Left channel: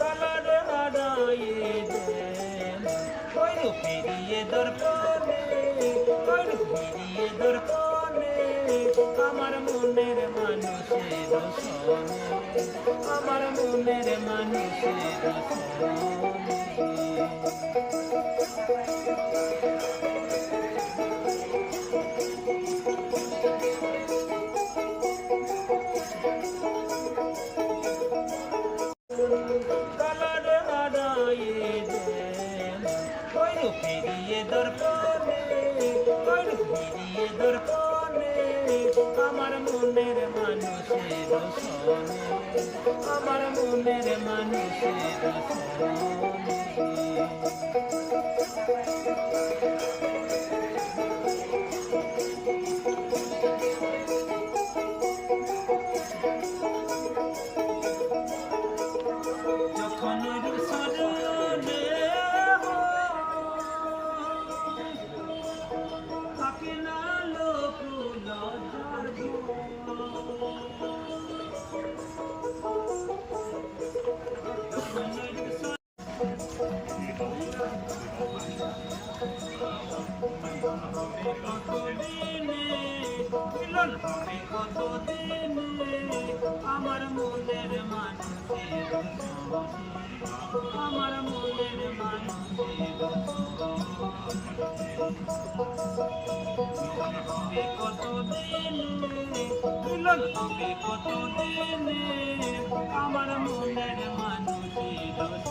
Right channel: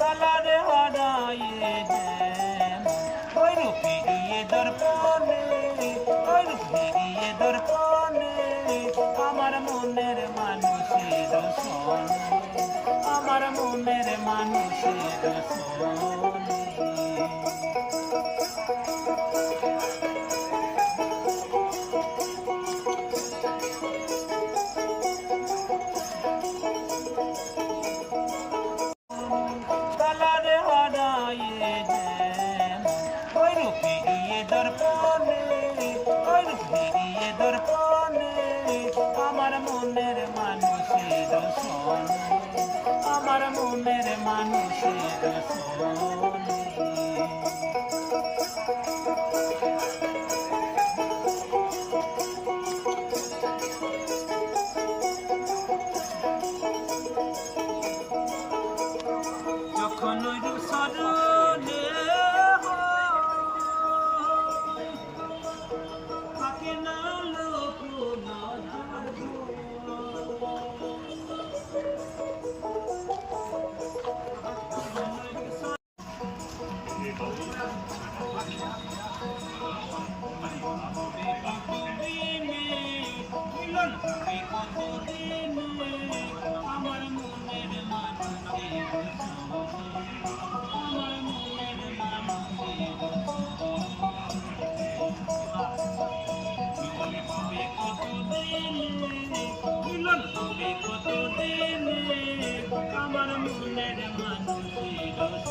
কালারে হারায়ে ফিরিয়ে দর্পণে ফিরিয়ে দর্পণে আমার মনের মানুষের সনে আমার মনের মানুষের সনে কালারে হারায়ে ফিরিয়ে দর্পণে ফিরিয়ে দর্পণে আমার মনের মানুষের সনে আমার মনের মানুষের সনে যখন ওই সরণে থাকে না লোক কতদিনে আমার মনের মানুষের আমার মনের মানুষের কতদিনে মিলন হবে কতদিনে আমার মনের মানুষের